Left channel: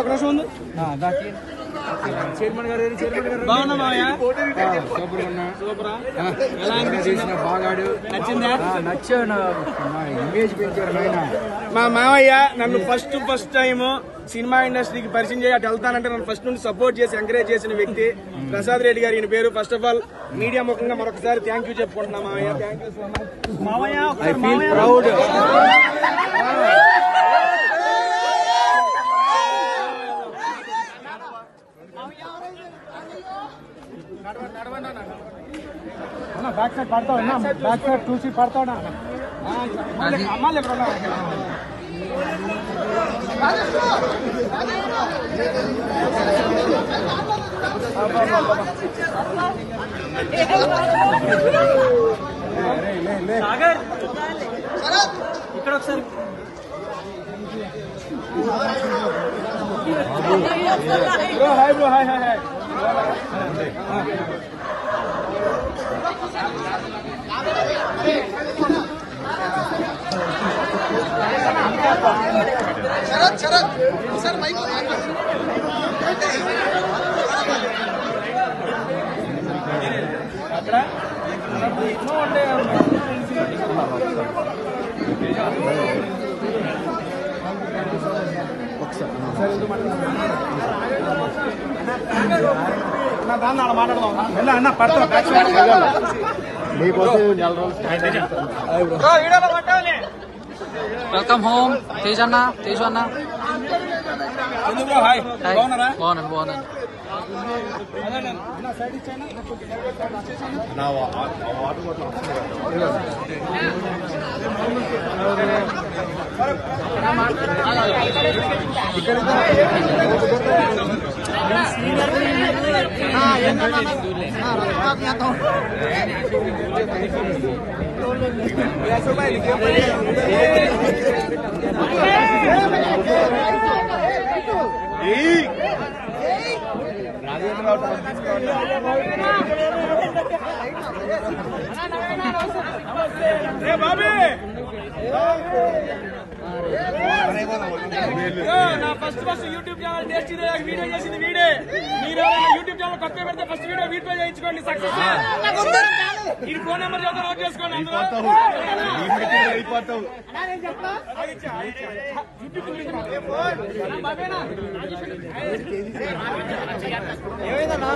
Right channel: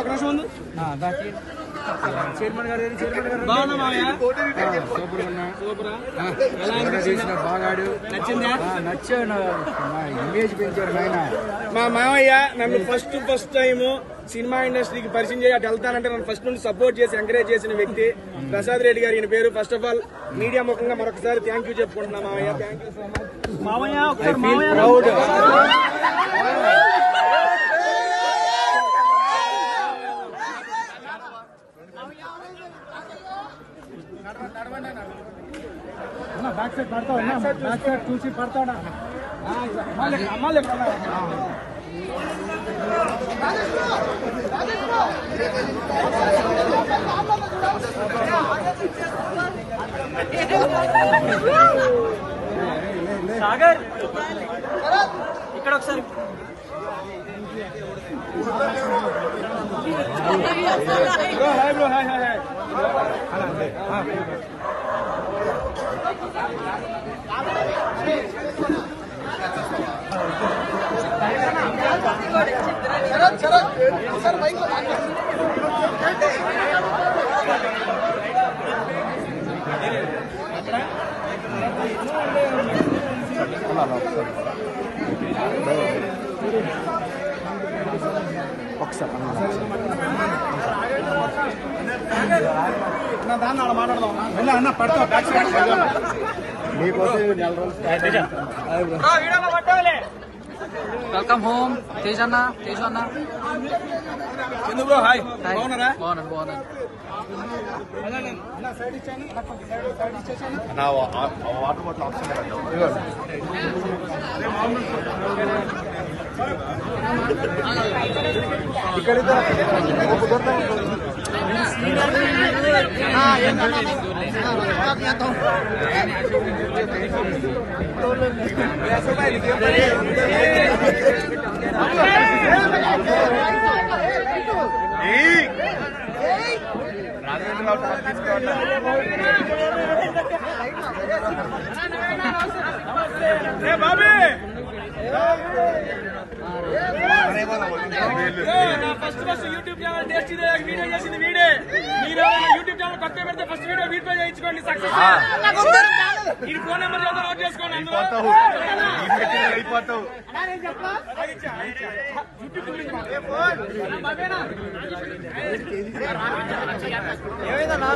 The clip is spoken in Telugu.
ఒక నిమిషం ఉంది. చైర్మన్ గారు బాగున్నా మావయ్య? సూపరా? బాగాడు నచ్చిందా? నచ్చాను. ఇమేజ్ పెంచారు నాయన. మా మావయ్య నన్ను ఫస్ట్ టైం సినిమా ఇండస్ట్రీకి పరిచయం చేసి అటు వెళ్తానంటే నన్ను ఫస్ట్ నుండి సపోర్ట్ చేసి ఎంకరేజ్ చేసిన వ్యక్తి ప్రసాద్ రెడ్డి గారు. ఈయన పేరు. ఫస్ట్ ఆఫ్ ఆల్ మీడియా ముఖంగా మరొకసారి థ్యాంక్ యూ చెప్పుకుంటున్నా మావయ్య. Thank you so much. I feel proud. Back side పడతా ఉన్నా. బ్యాక్ సైడ్ చూసి పడతా ఉన్నా. అమ్మాలి ఇక్కడ ఒకసారి bro. Hi bro. Hi hi hi. అక్కడ ఎన్నో ఉంటాయి. దాన్ని అలా మాట్లాడదాం. వెళ్ళా అన్న పడతా. Back side welcome home Tej అన్న. తేజు అన్న ఎందుకు బ్రో? హాయ్. బాగున్నారా? బాగున్నాను. సైడ్ ఇచ్చాను. బాబీ నా first YouTube channel tasty video చేసింది వీడే. మీరు యూట్యూబ్ ఛానల్ కొత్త పెడితే ఫస్ట్ వీడియో వీటిపై చేయించుకోండి. సక్సెస్. ఈ ఫోన్ నెంబర్ చదువు నోట్ చేసుకోండి. అందులో ఏమైందన్నా?